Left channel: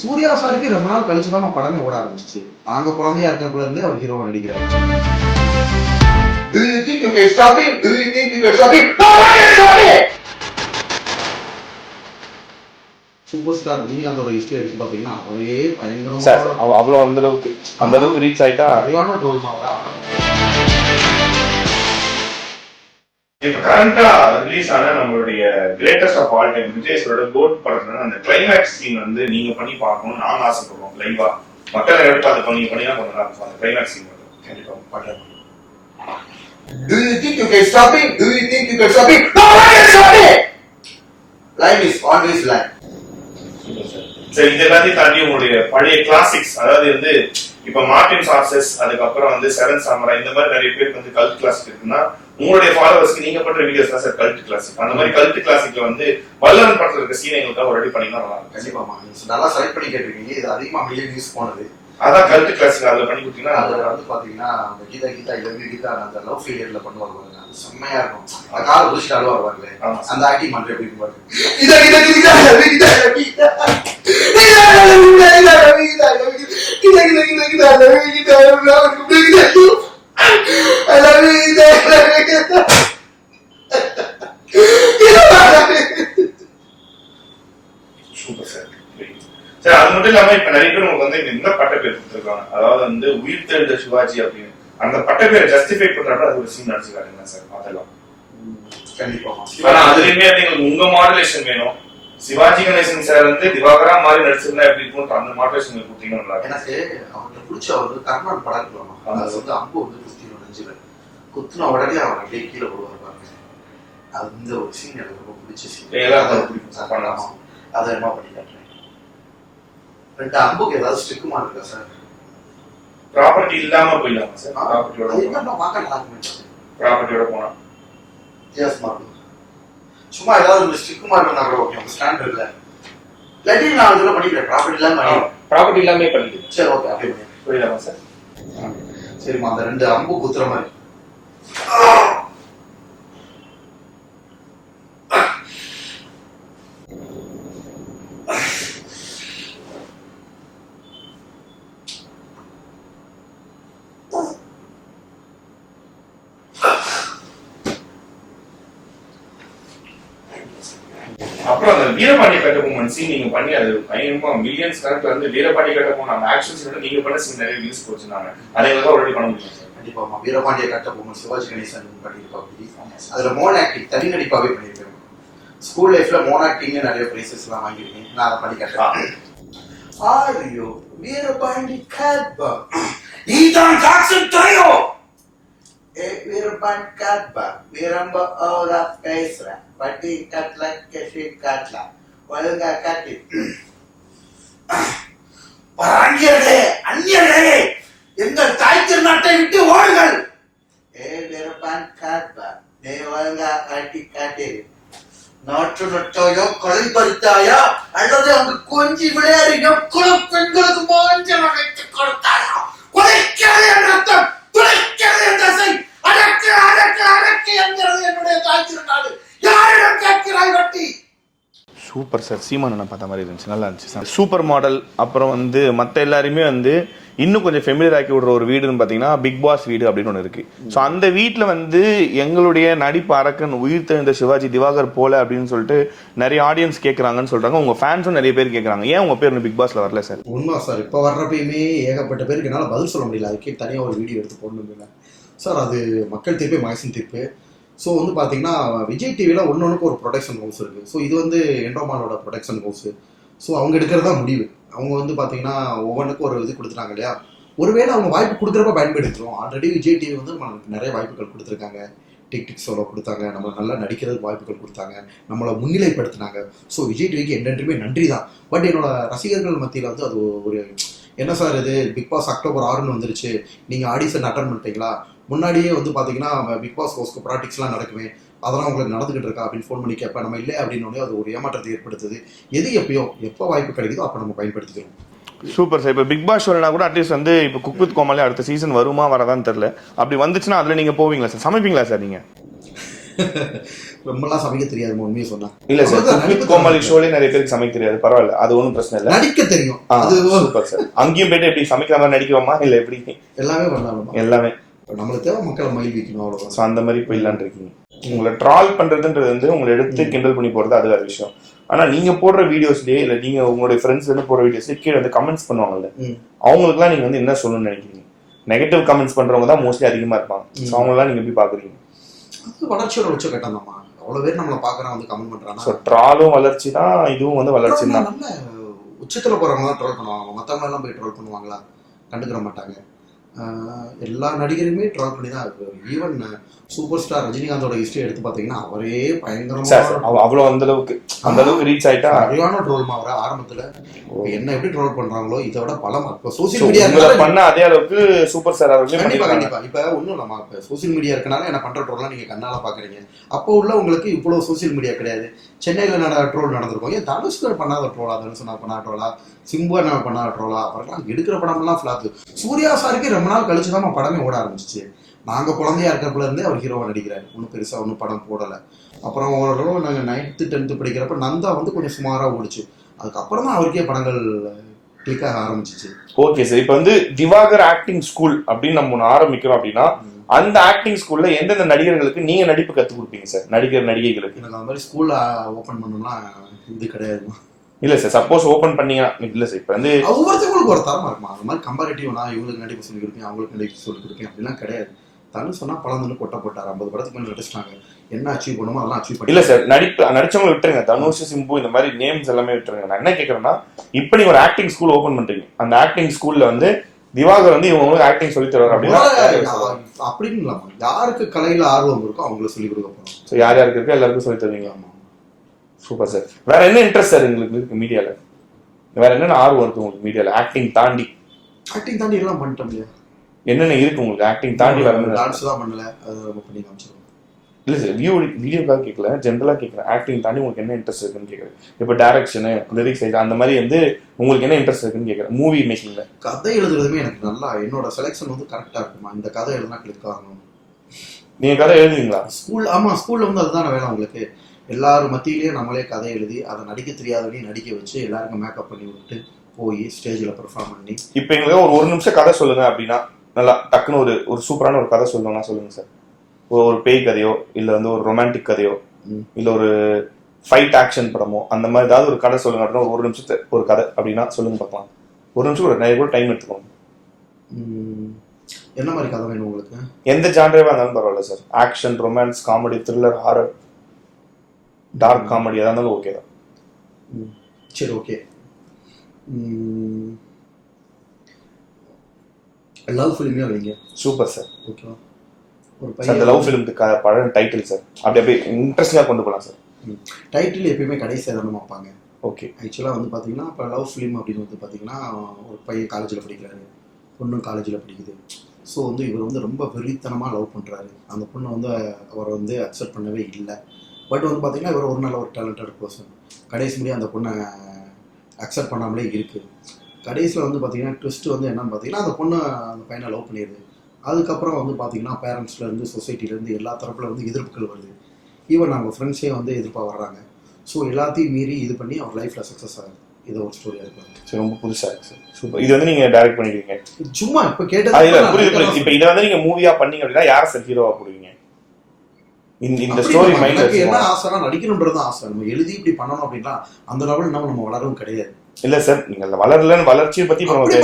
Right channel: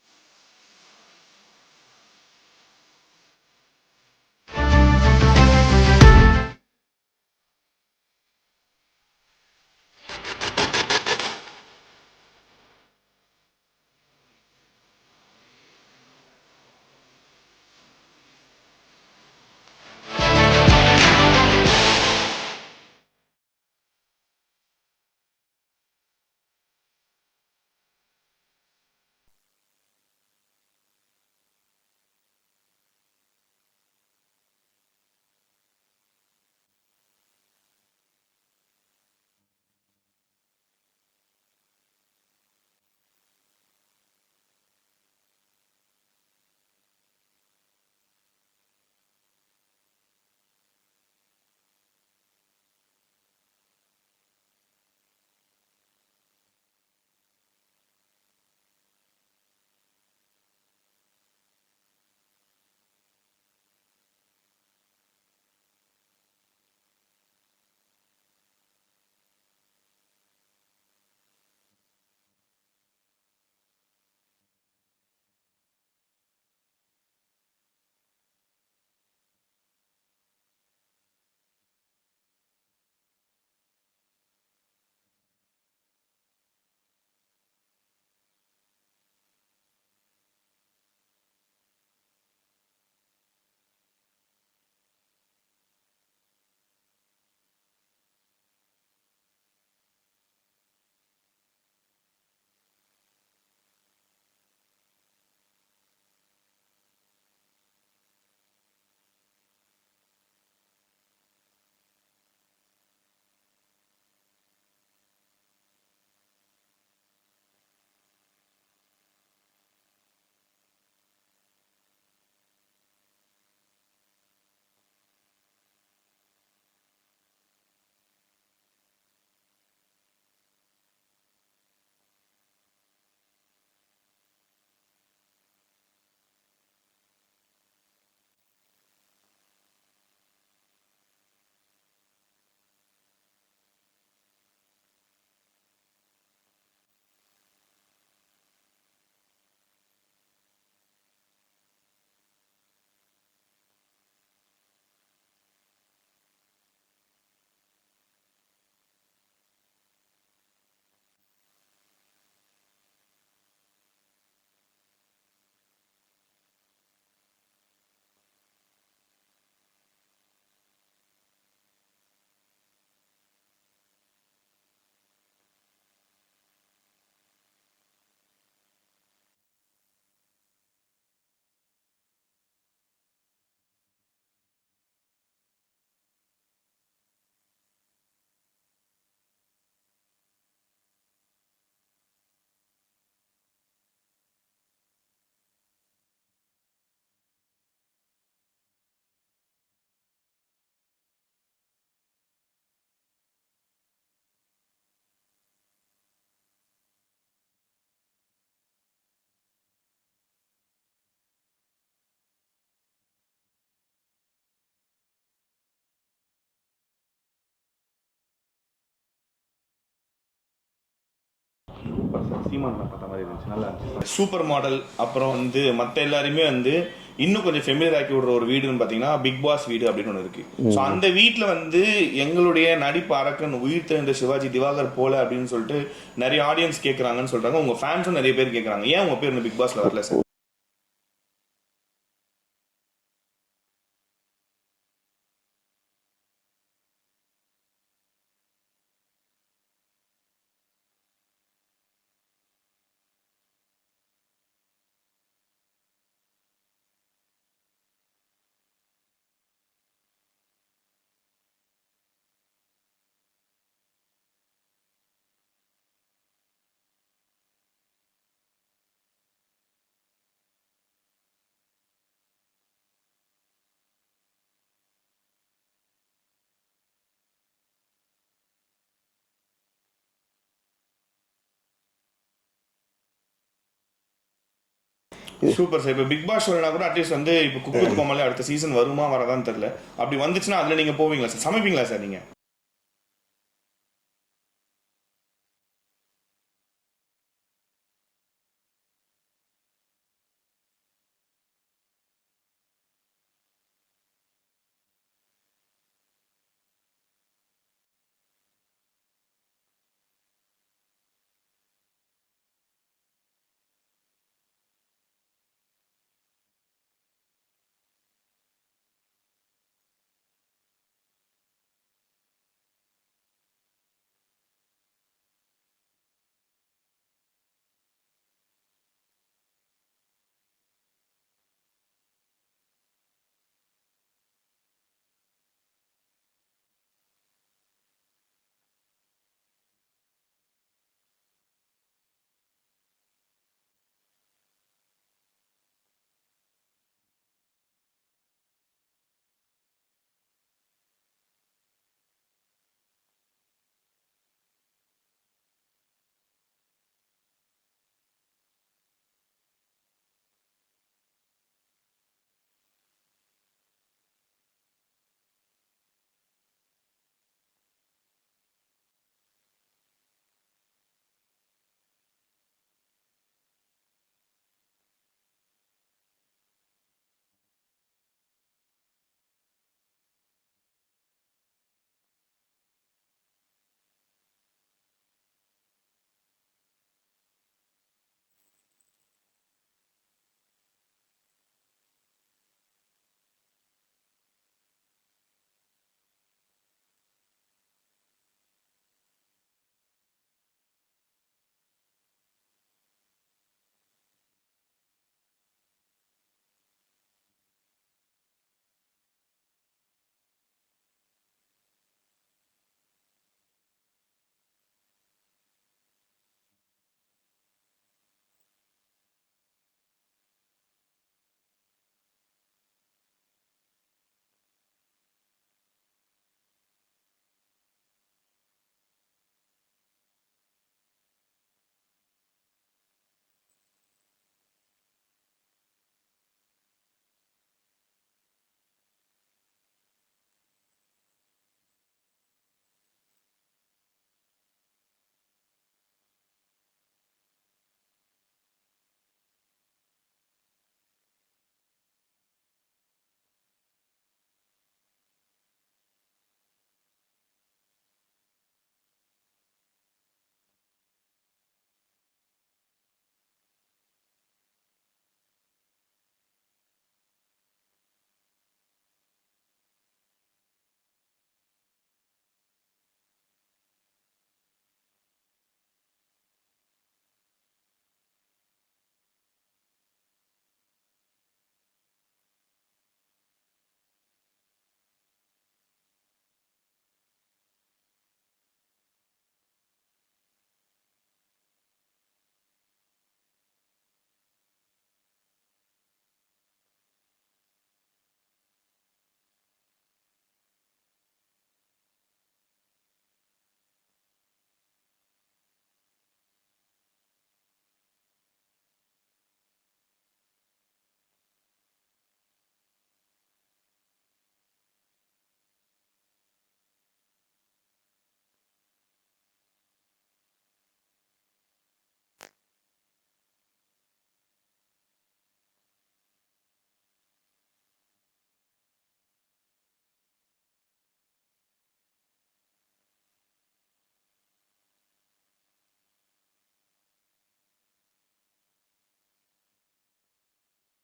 சூர்யா சாருக்கு ரொம்ப நாள் கழிச்சு தான் படமே ஓட ஆரம்பிச்சிச்சு. நாங்க குழந்தையா இருக்கிறதுல இருந்து அவர் ஹீரோவா நடிக்கிறார். சூப்பர் ஸ்டார் ரஜினிகாந்தோட ஹிஸ்டரி எடுத்து பாத்தீங்கன்னா அவரே பயங்கரமா அவ்வளவு அந்த அளவுக்கு ரீச் ஆயிட்டா சரியான ரோல் மாவரா. இப்ப கரண்டா ரிலீஸ் ஆன நம்மளுடைய greatest of all time Vijay சாரோட கோட் படத்துல அந்த கிளைமேக்ஸ் சீன் வந்து நீங்க பண்ணி பார்க்கணும்னு நாங்க ஆசைப்படுறோம். லைவா மக்களை எடுத்து அதை பண்ணி பண்ணினா கொஞ்சம் நல்லா இருக்கும். அந்த கிளைமேக்ஸ் சீன் மட்டும் கண்டிப்பா பாக்கலாம். Do you think you can stop it? Do you think you can stop it? No one can stop it! Life is always life. சரி, இது எல்லாத்தையும் தாண்டி உங்களுடைய பழைய கிளாசிக்ஸ், அதாவது வந்து இப்ப மார்டின் சார்சஸ், அதுக்கப்புறம் வந்து செவன் சாமரா, இந்த மாதிரி நிறைய பேருக்கு வந்து கல்ட் கிளாசிக் இருக்குன்னா உங்களுடைய ஃபாலோவர்ஸ்க்கு நீங்க பண்ற வீடியோஸ் தான் சார் கல்ட் கிளாசிக். அந்த மாதிரி கல்ட் கிளாசிக்ல வந்து வல்லவன் படத்துல இருக்க சீன் எங்களுக்காக ரெடி பண்ணினா நல்லா இருக்கும். கண்டிப்பாமா நல்லா செலக்ட் பண்ணி கேட்டிருக்கீங்க. இது அதிகமா மில்லியன் வியூஸ் போனது. அதான் கல்ட் கிளாசிக். அதுல பண்ணி கொடுத்தீங்கன்னா அதுல வந்து பாத்தீங்கன்னா அந்த கீதா கீதா அந்த லவ் ஃபெயிலியர்ல பண்ணுவாங்க பாருங்க, அது செம்மையா இருக்கும். அந்த கால புடிச்சிட்டு அழுவா வருவாங்களே, அந்த ஆக்டிங் பண்ற எப்படி பாருங்க. Super sir. சார் அது மட்டும் இல்லாம இப்ப நிறைய பேர் உங்களுக்கு வந்து இந்த பட்ட பேர் கொடுத்துருக்காங்க, அதாவது வந்து உயிர் தெழுந்த சிவாஜி அப்படின்னு. அந்த பட்ட பேரை ஜஸ்டிஃபை பண்றப்ப அது ஒரு சீன் நடிச்சுக்காருங்க சார், அதெல்லாம் கண்டிப்பா. ஆனா அதுலயுமே எங்களுக்கு உங்க மாடுலேஷன் வேணும். சிவாஜி கணேசன் சார் வந்து திவாகரா மாதிரி நடிச்சிருந்தா எப்படி இருக்கும், அந்த மாடுலேஷன் கொடுத்தீங்கன்னா எனக்கு அவர்கிட்ட பிடிச்ச வந்து கர்ணன் படம் இருக்கலாமா, அது வந்து அம்பு வந்து குத்திடும் நெஞ்சில, குத்துன உடனே அவர் அப்படியே கீழே போடுவார் பாருங்க. அது வந்து ஒரு சீன் எனக்கு ரொம்ப பிடிச்ச சீன். அதை என்ன பண்ணி காட்டுறேன். ரெண்டு அம்புக்கு ஏதாவது ஸ்டிக்குமா இருக்கா சார்? ப்ராப்பர்ட்டி இல்லாம போயிடலாமா சார்? ப்ராப்பர்ட்டியோட பார்க்க நல்லா இருக்குமே. ப்ராப்பர்ட்டியோட போனா வித்தியாசமா இருக்கும். சும்மா ஏதாவது ஒரு ஸ்டிக்குமா இருந்தா கூட ஓகே, நம்ம ஸ்டாண்ட் இல்ல இல்லாட்டி நான் இதுல பண்ணிக்கிறேன். ப்ராப்பர்ட்டி இல்லாம பண்ணிக்கிறேன். சரி ஓகே, அப்படியே புரியலாமா சார்? சரிம்மா, அந்த ரெண்டு அம்பு குத்துற மாதிரி. அப்புறம் அந்த வீரபாண்டிய கட்டபொம்மன் சீன் நீங்க பண்ணி அது பயங்கரமா மில்லியன்ஸ் கணக்குல வந்து வீரபாண்டிய கட்டபொம்மன் அந்த ஆக்ஷன் சீன் நீங்க பண்ண சீன் நிறைய வியூஸ் போச்சுனாங்க. அதை எங்களுக்கு ஆல்ரெடி பண்ண முடியும் சார். கண்டிப்பாமா, வீரபாண்டிய கட்டபொம்மன் சிவாஜி கணேசன் பண்ணியிருப்பாங்க. அதுல மோன் ஆக்டிங் தனி நடிப்பாவே பண்ணியிருக்கேன். ஸ்கூல் லைஃப்ல மோன் ஆக்டிங் நிறைய பிரைசஸ் எல்லாம் வாங்கியிருக்கேன். நான் அதை பண்ணி காட்டுறேன். ஆரியோ வீரபாண்டி கட்டபொம்மன் நீதான் ஜாக்சன் ட்ரையோ வீரபாண்டி கட்டபொம்மன் வீரம்ப ஓரா பேசுறேன் பட்டி கட்ல கெஷி கட்ல ஒழுங்கா கட்டி பராங்கியர்களே அந்நியர்களே எங்கள் தாய் திருநாட்டை விட்டு ஓடுங்கள். வீரபாண்டி கட்டபொம்மன் நீ ஒழுங்கா கட்டி காட்டி நாற்று நட்டாயா களை பறித்தாயா அல்லது அங்கு கொஞ்சி விளையாடின குல பெண்களுக்கு மோஞ்சல் அழைத்து கொடுத்தாயா? குலைக்கிறது என் ரத்தம், துளைக்கிறது என் தசை, அடக்கு அடக்கு அடக்கு என்கிறது என்னுடைய தாய் திருநாடு. யாரிடம் கேட்கிறாய் வட்டி? Super sir. சீமானை பார்த்த மாதிரி இருந்துச்சு, நல்லா இருந்துச்சு சார். Super model. அப்புறம் வந்து மற்ற எல்லாருமே வந்து இன்னும் கொஞ்சம் ஃபெமிலியர் ஆக்கி விடுற ஒரு வீடுன்னு பார்த்தீங்கன்னா பிக் பாஸ் வீடு அப்படின்னு ஒன்று இருக்கு. ஸோ அந்த வீட்டில் வந்து எங்களுடைய நடிப்பு அரக்கன் உயிர் தெழுந்த சிவாஜி திவாகர் போல அப்படின்னு சொல்லிட்டு நிறைய ஆடியன்ஸ் கேட்குறாங்கன்னு சொல்றாங்க. உங்க ஃபேன்ஸும் நிறைய பேர் கேட்குறாங்க, ஏன் உங்க பேர் பிக் பாஸ்ல வரல சார்? உண்மை சார், இப்போ வர்றப்பயுமே ஏகப்பட்ட பேருக்கு என்னால் பதில் சொல்ல முடியல. அதுக்கே தனியாக ஒரு வீடியோ எடுத்து போடணுங்க சார். அது மக்கள் தீர்ப்பு, மகசின் தீர்ப்பு. ஸோ வந்து பார்த்தீங்கன்னா விஜய் டிவியில் ஒன்னொன்றுக்கு ஒரு ப்ரொடக்ஷன் ஹவுஸ் இருக்குது. ஸோ இது வந்து என்டோமானோட ப்ரொடக்ஷன் ஹவுஸு. ஸோ அவங்க எடுக்கிறதா முடிவு. அவங்க வந்து பார்த்தீங்கன்னா ஒவ்வொன்றுக்கும் ஒரு இது கொடுத்துட்டாங்க இல்லையா. ஒருவேளை அவங்க வாய்ப்பு கொடுக்குறப்ப பயன்படுத்துகிறோம். ஆல்ரெடி விஜய் டிவி வந்து நமக்கு நிறைய வாய்ப்புகள் கொடுத்துருக்காங்க. டிக் சோலோ கொடுத்தாங்க, நம்ம நல்லா நடிக்கிறதுக்கு வாய்ப்புகள் கொடுத்தாங்க, நம்மளை முன்னிலைப்படுத்தினாங்க. ஸோ விஜய் டிவிக்கு என்றென்றுமே நன்றி தான். பட் என்னோட ரசிகர்கள் மத்தியில் வந்து அது ஒரு என்ன சார் இது பிக் பாஸ் அக்டோபர் 6 வந்துருச்சு, நீங்கள் ஆடிஷன் அட்டன் பண்ணிட்டீங்களா? முன்னாடியே வந்து பார்த்தீங்கன்னா பிக் பாஸ் ஹவுஸ்க்கு ப்ராக்டிக்ஸ்லாம் நடக்குமே, அதெல்லாம் உங்களுக்கு நடந்துகிட்டு இருக்கா அப்படின்னு ஃபோன் பண்ணி கேட்பேன். நம்ம இல்லை அப்படின்னோடனே அது ஒரு ஏமாற்றத்தை ஏற்படுத்துது. எது எப்போ வாய்ப்பு கிடைக்குதோ அப்போ நம்ம பயன்படுத்திக்கிறோம். Super sir. இப்போ பிக் பாஸ் ஷோனா கூட அட்லீஸ்ட் வந்து இப்போ குக் வித் கோமாளி அடுத்த சீசன் வருமா வரதான்னு தெரியல. அப்படி வந்துச்சுன்னா அதில் நீங்கள் போவீங்களா சார்? சமைப்பீங்களா சார் நீங்கள்? ரொம்பலாம் சமைக்க தெரியாது உண்மையை சொன்னா. இல்ல சார், குக் வித் கோமாளி ஷோலயே நிறைய பேருக்கு சமைக்க தெரியாது, பரவாயில்ல, அது ஒன்றும் பிரச்சனை இல்லை, நடிக்க தெரியும். அது சூப்பர் சார். அங்கேயும் போயிட்டு எப்படி சமைக்கிற மாதிரி நடிக்குவோமா இல்ல எப்படி? எல்லாமே பண்ணலாம், எல்லாமே. நம்மளுக்கு தேவை மக்களை மயில் வைக்கணும், அவ்வளவுதான். ஸோ அந்த மாதிரி போயிடலான் இருக்கீங்க. உங்களை ட்ரால் பண்றதுன்றது வந்து உங்களை எடுத்து கிண்டல் பண்ணி போறது அது வேற விஷயம். ஆனா நீங்க போடுற வீடியோஸ்லயே இல்ல நீங்க உங்களுடைய ஃப்ரெண்ட்ஸ் வந்து போடுற வீடியோஸ்லயே கீழே வந்து கமெண்ட்ஸ் பண்ணுவாங்கல்ல, அவங்களுக்குலாம் நீங்க வந்து என்ன சொல்லணும்னு நினைக்கிறீங்க? நெகட்டிவ் கமெண்ட்ஸ் பண்றவங்க தான் மோஸ்ட்லி அதிகமா இருப்பாங்க. ஸோ அவங்களாம் நீங்க எப்படி பாக்குறீங்க? அது வளர்ச்சியோட உச்ச கட்டம் தான்மா. அவ்வளவு பேர் நம்மளை பாக்குறான் வந்து கமெண்ட் பண்றாங்க. ஸோ ட்ராலும் வளர்ச்சி தான், இதுவும் வந்து வளர்ச்சி தான். நல்ல உச்சத்துல போறவங்க தான் ட்ரோல் பண்ணுவாங்க, மத்தவங்க எல்லாம் போய் ட்ரோல் பண்ணுவாங்களா? கண்டுக்கிற மாட்டாங்க. எல்லா நடிகருமே ட்ரோல் பண்ணி தான் இருக்கு. ஈவன் சூப்பர் ஸ்டார் ரஜினிகாந்தோட ஹிஸ்டரி எடுத்து பாத்தீங்கன்னா அவரே பயங்கரமா அவ்வளவு அந்த அளவுக்கு ரீச் ஆயிட்டா சரியான ட்ரோல் அவரை ஆரம்பத்துல என்ன எப்படி ட்ரோல் பண்றாங்களோ இதை விட பலமா சோசியல் மீடியா பண்ண அதே அளவுக்கு சூப்பர் ஸ்டார் அவர்களே கண்டிப்பா கண்டிப்பா. இப்ப ஒண்ணும் இல்லமா, இப்ப சோசியல் மீடியா இருக்கனால என்ன பண்ற ட்ரோல்லாம் நீங்க கண்ணால பாக்குறீங்க. அப்போ உள்ள உங்களுக்கு இவ்வளவு சோசியல் மீடியா கிடையாது. சென்னையில ட்ரோல் நடந்திருக்கும். ஏன் தனுஷ்கர் பண்ணாத ட்ரோலா, தனுஷ் பண்ணா ட்ரோலா, சிம்பு நான் பண்ணாத ட்ரோலா, அப்புறம் எடுக்கிற படம் எல்லாம் ஃபிளாப். சூர்யா சாருக்கு ரொம்ப நாள் கழிச்சுதான் படமே ஓட ஆரம்பிச்சிச்சு. நாங்க குழந்தையா இருக்கிறப்பல இருந்தே அவர் ஹீரோவா நடிக்கிறாரு. ஒன்றும் பெருசா ஒன்றும் படம் போடல. அப்புறம் ஓரளவு நாங்கள் 9th 10th படிக்கிறப்ப நந்தா வந்து கொஞ்சம் சுமாரா ஓடிச்சு. அதுக்கப்புறம் தான் அவருக்கே படங்கள் கிளிக் ஆக ஆரம்பிச்சிச்சு. ஓகே சார், இப்போ வந்து திவாகர் ஆக்டிங் ஸ்கூல் அப்படின்னு நம்ம ஒன்று ஆரம்பிக்கிறோம் அப்படின்னா அந்த ஆக்டிங் ஸ்கூல்ல எந்தெந்த நடிகர்களுக்கு நீங்க நடிப்பு கற்றுக் கொடுப்பீங்க சார்? நடிகைகளுக்கு. எனக்கு அந்த மாதிரி ஸ்கூல்ல ஓப்பன் பண்ணணும்னா இது கிடையாது. இல்ல சார், சப்போஸ் ஓபன் பண்ணீங்கன்னா இல்ல சார், இப்போ வந்து ஒவ்வொருத்தவங்களுக்கு ஒரு தரமா இருக்குமா. அந்த மாதிரி கம்பேரிட்டிவ் நான் இவங்களுக்கு நடிப்பு சொல்லி கொடுப்பேன், அவங்களுக்கு நடிப்பு சொல்லி கொடுப்பேன் அப்படிலாம் கிடையாது. தனு சொன்னா பழந்துன்னு கொட்ட போட்டார். 50 படத்துக்கு மேலே நடிச்சிட்டாங்க. என்ன அச்சீவ் பண்ணுமோ அதெல்லாம் அச்சீவ் பண்ணி. இல்ல சார், நடிச்சவங்க விட்டுருங்க, தனுஷ் சிம்பு இந்த மாதிரி நேம்ஸ் எல்லாமே விட்டுருங்க. நான் என்ன கேட்கறேன்னா, இப்போ நீங்க ஒரு ஆக்டிங் ஸ்கூல் ஓபன் பண்றீங்க, அந்த ஆக்டிங் ஸ்கூல்ல வந்து திவாகர் வந்து இவங்களுக்கு ஆக்டிங் சொல்லி தருவார் அப்படின்னா அப்படின்னு இல்லாம யாருக்கு கலையில ஆர்வம் இருக்கோ அவங்களுக்கு சொல்லி கொடுக்க போறோம். ஸோ யார் யாருக்கு இருக்கோ எல்லாருக்கும் சொல்லி தருவீங்க. Super sir. வேற என்ன இன்ட்ரெஸ்ட் சார் உங்களுக்கு இருக்கு மீடியால? வேற என்னென்ன ஆர்வம் இருக்கு உங்களுக்கு மீடியால ஆக்டிங் தாண்டி? ஆக்டிங் தாண்டி எல்லாம் பண்ணிட்டோம் இல்லையா? என்னென்ன இருக்கு உங்களுக்கு ஆக்டிங் தாண்டி? வேற டான்ஸ் தான் பண்ணல, அது ரொம்ப பண்ணி காமிச்சிருவோம். இல்ல சார், வீடியோக்காக கேட்கல, ஜென்ரலா கேட்கறேன். ஆக்டிங் தாண்டி உங்களுக்கு என்ன இன்ட்ரெஸ்ட் இருக்குன்னு கேட்கறேன். இப்போ டைரக்ஷனு, லிரிக்ஸ் அந்த மாதிரி வந்து உங்களுக்கு என்ன இன்ட்ரெஸ்ட் இருக்குன்னு கேட்கறேன். மூவி மேக்கிங்ல கதை எழுதுறதுமே எனக்கு நல்லா, என்னோட செலெக்ஷன் வந்து கரெக்டா இருக்குமா. இந்த கதை எழுதுனா கிளிக் ஆகணும். நீங்க கதை எழுதுவீங்களா? ஆமா, ஸ்கூல்ல வந்து அதுதான வேலை உங்களுக்கு. எல்லாரும் மத்தியிலேயே நம்மளே கதை எழுதி அதை நடிக்க தெரியாதவனையும் நடிக்க வச்சு எல்லாருக்கும் மேக்கப் பண்ணி விட்டு போய் ஸ்டேஜ்ல பெர்ஃபார்ம் பண்ணி. இப்போ எங்களுக்கு ஒரு நிமிஷம் கதை சொல்லுங்க அப்படின்னா, நல்லா டக்குன்னு ஒரு சூப்பரான ஒரு கதை சொல்லணும்னா சொல்லுங்க சார். ஒரு பேய் கதையோ இல்ல வந்து ஒரு ரொமான்டிக் கதையோ இல்ல ஒரு ஃபைட் ஆக்ஷன் படமோ அந்த மாதிரி ஏதாவது ஒரு கதை சொல்லுங்க அப்படின்னா ஒரு நிமிஷத்து ஒரு கதை அப்படின்னா சொல்லுங்க பார்க்கலாம். ஒரு நிமிஷம் கூட நிறைய கூட டைம் எடுத்துக்கோங்க. என்ன மாதிரி கதை வேணும் உங்களுக்கு? எந்த ஜான்ரேவா இருந்தாலும் பரவாயில்ல sir. Action, romance, comedy, thriller, horror, dark comedy எதா இருந்தாலும் ஓகே தான். சரி, ஓகே. லவ் ஃபிலிமே வைங்க. Super sir. ஓகேவா? அந்த லவ் ஃபிலிமுக்கு பழைய டைட்டில் சார், அப்படியே இன்ட்ரெஸ்டிங்காக கொண்டு போகலாம் சார். டைட்டில் எப்பயுமே கடைசியாக தானே வைப்பாங்க. ஓகே. ஆக்சுவலாக வந்து பார்த்தீங்கன்னா இப்போ லவ் ஃபிலிம் அப்படின்னு வந்து பார்த்தீங்கன்னா ஒரு பையன் காலேஜில் படிக்கிறாரு, பொண்ணும் காலேஜில் படிக்குது. ஸோ வந்து இவர் வந்து ரொம்ப வெறித்தனமாக லவ் பண்ணுறாரு. அந்த பொண்ணை வந்து அவரை வந்து அக்செப்ட் பண்ணவே இல்லை. பட் வந்து பார்த்தீங்கன்னா இவர் ஒரு நல்ல ஒரு டேலண்டட் பர்சன். கடைசி முடிய அந்த பொண்ணை அக்செப்ட் பண்ணாமலே இருக்குது. கடைசியில் வந்து பார்த்தீங்கன்னா ட்விஸ்ட் வந்து என்னன்னு பார்த்தீங்கன்னா அந்த பொண்ணை அந்த பையனை லவ் பண்ணிடுது. அதுக்கப்புறம் வந்து பார்த்தீங்கன்னா பேரண்ட்ஸ்லேருந்து சொசைட்டிலேருந்து எல்லா தரப்பில் வந்து எதிர்ப்புகள் வருது. ஈவன் நம்ம ஃப்ரெண்ட்ஸே வந்து எதிர்ப்பாக வர்றாங்க. ஸோ எல்லாத்தையும் மீறி இது பண்ணி அவர் லைஃப்பில் சக்ஸஸ் ஆகுது. இது ஒரு ஸ்டோரியாக இருக்காங்க. சரி, ரொம்ப புதுசாக இருக்கு சார். சூப்பர். இது வந்து நீங்கள் டைரக்ட் பண்ணிடுவீங்க? சும்மா இப்போ கேட்டது புரியுது. இப்போ இதை வந்து நீங்கள் மூவியாக பண்ணீங்க அப்படின்னா யார் சார் ஹீரோவாக போடுவீங்க? இந்த ஸ்டோரி மைண்ட் என்ன ஆசைனா நடிக்கணுன்றது ஆசை. நம்ம எழுதி இப்படி பண்ணணும் அப்படின்னா அந்த லெவல் நம்ம வளரவும் கிடையாது. இல்ல சார், நீங்க வளரலன்னு வளர்ச்சியை பத்தி நம்மளே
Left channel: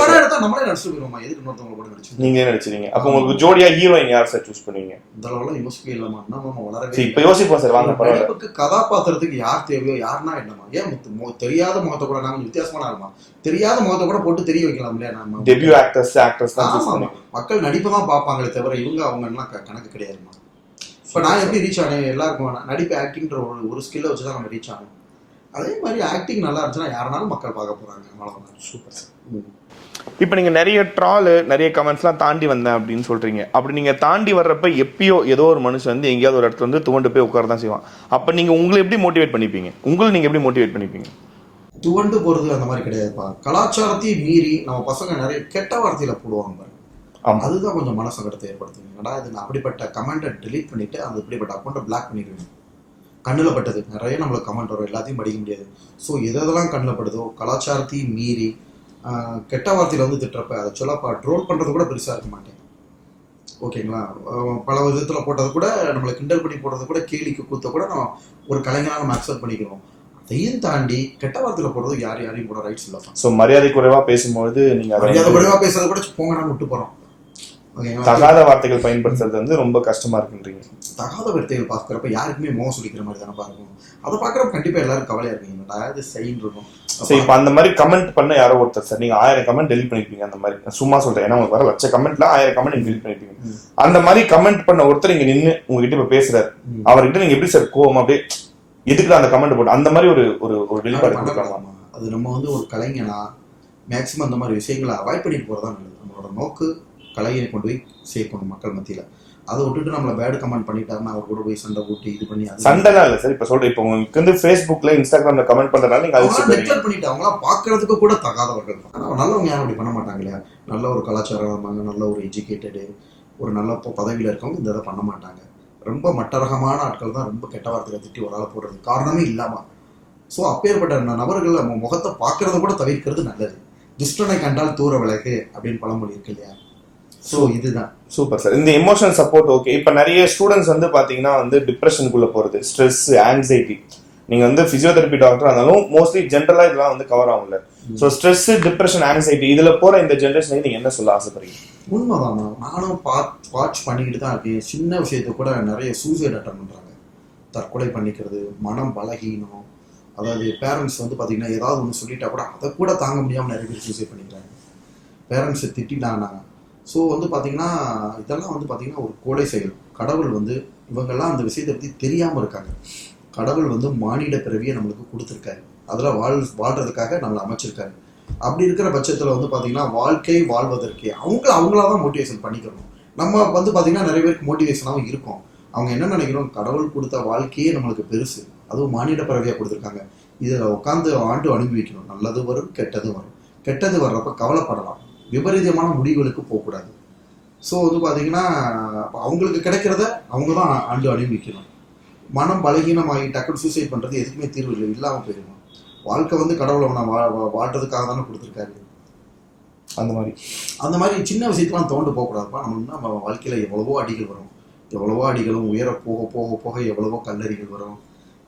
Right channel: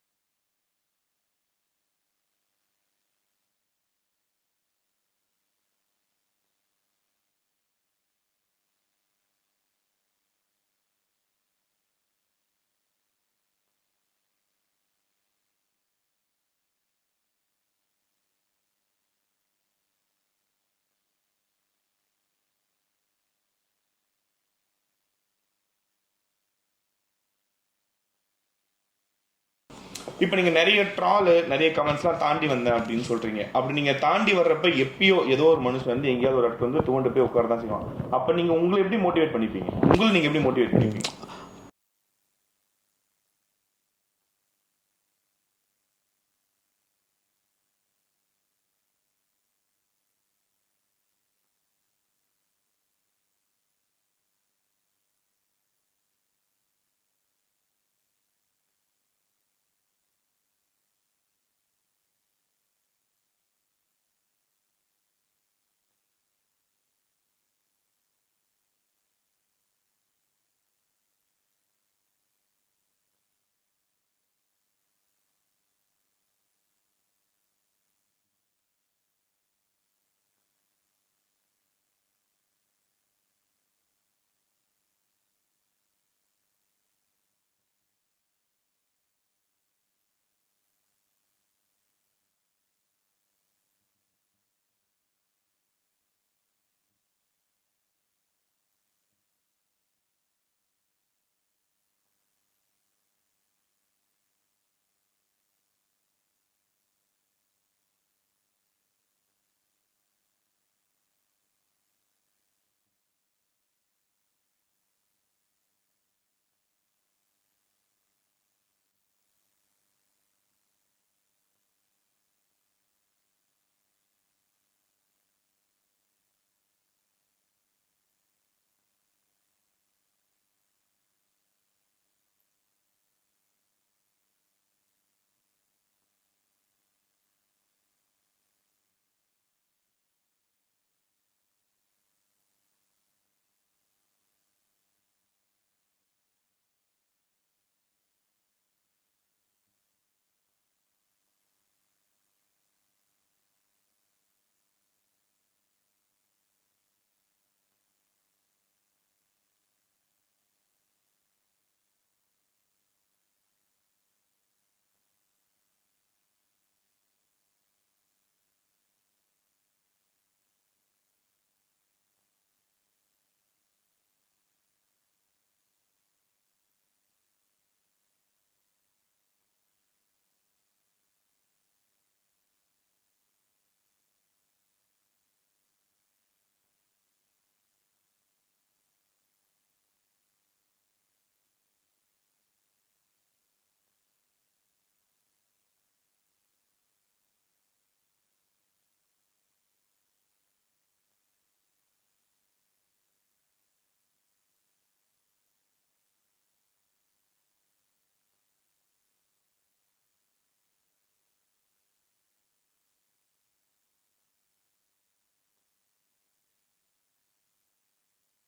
நடிச்சிருக்கோமா? எதுக்கு இன்னொருத்தவங்க கூட நடிச்சு நீங்களே நடிச்சிருங்க. அப்ப உங்களுக்கு ஜோடியா ஹீரோயின் யார் சார் சூஸ் பண்ணுவீங்க? இந்த லெவல்ல யோசிக்கவே இல்லமா. நம்ம வளரவே இப்ப யோசிப்போம் சார். வாங்க பரவாயில்ல. கதாபாத்திரத்துக்கு யார் தேவையோ யாருன்னா என்னமா, ஏன் தெரியாத முகத்தை கூட நாங்க வித்தியாசமான ஆகுமா, தெரியாத முகத்தை கூட போட்டு தெரிய வைக்கலாம் இல்லையா? நம்ம டெபியூ ஆக்டர்ஸ் தான் சூஸ் பண்ணுவாங்க. மக்கள் நடிப்பு தான் பார்ப்பாங்களே தவிர இவங்க அவங்க எல்லாம் கணக்கு கிடையாதுமா. இப்ப நான் எப்படி ரீச் ஆனேன்? எல்லாருக்கும் நடிப்பு ஆக்டிங்ன்ற ஒரு ஸ்கில்லை வச்சுதான் நம்ம ரீச் ஆனோம். அதே மாதிரி ஆக்டிங் நல்லா இருந்துச்சுன்னா யாருனாலும் மக்கள் பார்க்க போறாங்க. Super sir. இப்போ நீங்க நிறைய ட்ரால் நிறைய கமெண்ட்ஸ்லாம் தாண்டி வந்தேன் அப்படின்னு சொல்றீங்க. அப்படி நீங்க தாண்டி வர்றப்ப எப்பயோ ஏதோ ஒரு மனுஷன் வந்து எங்கேயாவது ஒரு இடத்துல வந்து துவண்டு போய் உட்கார தான் செய்வான். அப்ப நீங்க உங்களை எப்படி மோட்டிவேட் பண்ணிப்பீங்க? நீங்க எப்படி மோட்டிவேட் பண்ணிப்பீங்க? துவண்டு போறது அந்த மாதிரி கிடையாதுப்பா. கலாச்சாரத்தையும் மீறி நம்ம பசங்க நிறைய கெட்ட வார்த்தையில போடுவாங்க. அதுதான் கொஞ்சம் மனசங்கடத்தை ஏற்படுத்துங்க. ஏன்னா இது நான் அப்படிப்பட்ட கமெண்ட்டை டெலீட் பண்ணிட்டு அந்த இப்படிப்பட்ட அக்கௌண்ட்டை பிளாக் பண்ணிடுவேன். கண்ணில் பட்டது நிறைய நம்மளுக்கு கமெண்ட் வரும், எல்லாத்தையும் படிக்க முடியாது. ஸோ எதெல்லாம் கண்ணில் படுதோ கலாச்சாரத்தையும் மீறி கெட்ட வார்த்தையில் வந்து திட்டுறப்ப அதை சொல்லப்பா ட்ரோல் பண்ணுறது கூட பெருசாக இருக்க மாட்டேன். ஓகேங்களா, பல விதத்தில் போட்டது கூட நம்மளை கிண்டல் பண்ணி போடுறது கூட கேலிக்கு கூத்த கூட நம்ம ஒரு கலைஞராக நம்ம அக்செப்ட் பண்ணிக்கிறோம். அதையும் தாண்டி கெட்ட வார்த்தையில் போடுறது யாரையும் கூட ரைட்ஸ் இல்லை. ஸோ மரியாதை குறைவாக பேசும்போது நீங்கள் மரியாதை குறைவாக பேசுறது கூட போங்கன்னு விட்டு போகிறோம். தகாத வார்த்தைகள் பயன்படுத்துறது வந்து ரொம்ப கஷ்டமா இருக்குன்றீங்க. தகாத வார்த்தைகள் பார்க்குறப்ப யாருக்குமே மோகம் சொல்லிக்கிற மாதிரி தானே பார்க்கணும். அதை பார்க்குறப்ப கண்டிப்பாக எல்லாரும் கவலையாக இருக்கீங்க, அதாவது சைன் இருக்கும். சரி, இப்போ அந்த மாதிரி கமெண்ட் பண்ண யாரோ ஒருத்தர் சார், நீங்கள் 1000 கமெண்ட் டெலிட் பண்ணிருப்பீங்க. அந்த மாதிரி சும்மா சொல்றேன், ஏன்னா உங்களுக்கு வர லட்ச கமெண்ட்ல 1000 கமெண்ட் நீங்க டெலிட் பண்ணிருப்பீங்க. அந்த மாதிரி கமெண்ட் பண்ண ஒருத்தர் இங்க நின்று உங்ககிட்ட இப்ப பேசுறாரு, அவர்கிட்ட நீங்க எப்படி சார் கோவம் அப்படியே எதுக்கு அந்த கமெண்ட் போட்டு அந்த மாதிரி ஒரு ஒரு வெளிப்பாடு கொடுக்கலாமா? அது நம்ம வந்து ஒரு கலைஞனா மேக்சிமம் அந்த மாதிரி விஷயங்களை அவாய்ட் பண்ணிட்டு போறதா நல்லது. நம்மளோட நோக்கு கலையை கொண்டு போய் சேர்க்கணும் மக்கள் மத்தியில. அதை விட்டுட்டு நம்மள பேட் கமெண்ட் பண்ணிட்டாருன்னா அவர் கூட போய் சண்டை போட்டு இது பண்ணி சண்டைலாம் இல்லை சார். இப்போ சொல்றேன், இப்போ உங்களுக்கு வந்து ஃபேஸ்புக்ல இன்ஸ்டாகிராம்ல கமெண்ட் பண்றதுனால நீங்க நெக்லெக்ட் பண்ணிட்டு அவங்களாம் பார்க்கறதுக்கு கூட தகாதவர்கள் தான். ஆனால் நல்லவங்க யாரும் அப்படி பண்ண மாட்டாங்க இல்லையா? நல்ல ஒரு கலாச்சாரம், நல்ல ஒரு எஜுகேட்டடு, ஒரு நல்ல பதவியில் இருக்கவங்க இந்த இதை பண்ண மாட்டாங்க. ரொம்ப மட்டரகமான ஆட்கள் தான் ரொம்ப கெட்ட வார்த்தையை திட்டி ஒரு ஆளை போடுறது காரணமே இல்லாமல். ஸோ அப்பேற்பட்ட நபர்கள் நம்ம முகத்தை பார்க்கறத கூட தவிர்க்கிறது நல்லது. துஷ்டனை கண்டால் தூர விலகு அப்படின்னு பழமொழி இருக்கு இல்லையா? ஸோ இதுதான் சூப்பர் சார். இந்த எமோஷனல் சப்போர்ட் ஓகே. இப்போ நிறைய ஸ்டூடெண்ட்ஸ் வந்து பார்த்தீங்கன்னா வந்து டிப்ரெஷனுக்குள்ள போகிறது, ஸ்ட்ரெஸ், ஆங்ஸைட்டி. நீங்கள் வந்து ஃபிசியோதெரப்பி டாக்டர் இருந்தாலும் மோஸ்ட்லி ஜென்ரலாக இதெல்லாம் வந்து கவர் ஆகும்ல. ஸோ ஸ்ட்ரெஸ், டிப்ரெஷன், ஆங்ஸைட்டி இதில் போகிற இந்த ஜென்ரேஷனுக்கு நீங்கள் என்ன சொல்ல ஆசைப்படுறீங்க? உண்மைதான், நானும் வாட்ச் பண்ணிக்கிட்டு தான் இருக்கேன். சின்ன விஷயத்த கூட நிறைய சூசைட் அட்டன் பண்ணுறாங்க, தற்கொலை பண்ணிக்கிறது, மனம் பலகீனம். அதாவது பேரண்ட்ஸ் வந்து பார்த்தீங்கன்னா ஏதாவது ஒன்று சொல்லிட்டா கூட அதை கூட தாங்க முடியாமல் நிறைய பேர் சூசைட் பண்ணிக்கிறாங்க. பேரண்ட்ஸை திட்டிட்டாங்கன்னா. ஸோ வந்து பார்த்தீங்கன்னா இதெல்லாம் வந்து பார்த்தீங்கன்னா ஒரு கொலை செயல். கடவுள் வந்து இவங்கெல்லாம் அந்த விஷயத்தை பற்றி தெரியாமல் இருக்காங்க. கடவுள் வந்து மானிட பிறவியை நம்மளுக்கு கொடுத்துருக்காரு, அதில் வாழ்றதுக்காக நம்மளை அமைச்சிருக்காரு. அப்படி இருக்கிற பட்சத்தில் வந்து பார்த்தீங்கன்னா வாழ்க்கை வாழ்வதற்கே அவங்களா தான் மோட்டிவேஷன் பண்ணிக்கணும். நம்ம வந்து பார்த்தீங்கன்னா நிறைய பேருக்கு மோட்டிவேஷனாகவும் இருக்கும். அவங்க என்ன நினைக்கிறோம், கடவுள் கொடுத்த வாழ்க்கையே நம்மளுக்கு பெருசு, அதுவும் மானிட பிறவியாக கொடுத்துருக்காங்க, இதில் உட்காந்து ஆண்டு அனுபவிக்கணும். நல்லது வரும், கெட்டது வரும். கெட்டது வர்றப்ப கவலைப்படலாம், விபரீதமான முடிவுகளுக்கு போகக்கூடாது. ஸோ வந்து பார்த்தீங்கன்னா அவங்களுக்கு கிடைக்கிறத அவங்க தான் ஆண்டு அனுபவிக்கணும். மனம் பலகீனமாகி டக்குனு சூசைட் பண்ணுறது எதுக்குமே தீர்வு இல்லை, இல்லாமல் போயிடணும். வாழ்க்கை வந்து கடவுளை நான் வாழ்றதுக்காக தானே கொடுத்துருக்காரு. அந்த மாதிரி சின்ன விஷயத்தெலாம் தோண்டு போகக்கூடாதுப்பா. நம்ம வாழ்க்கையில் எவ்வளவோ அடிகள் வரும், எவ்வளவோ அடிகளும் உயர போக போக போக எவ்வளவோ கல்லறிகள் வரும்,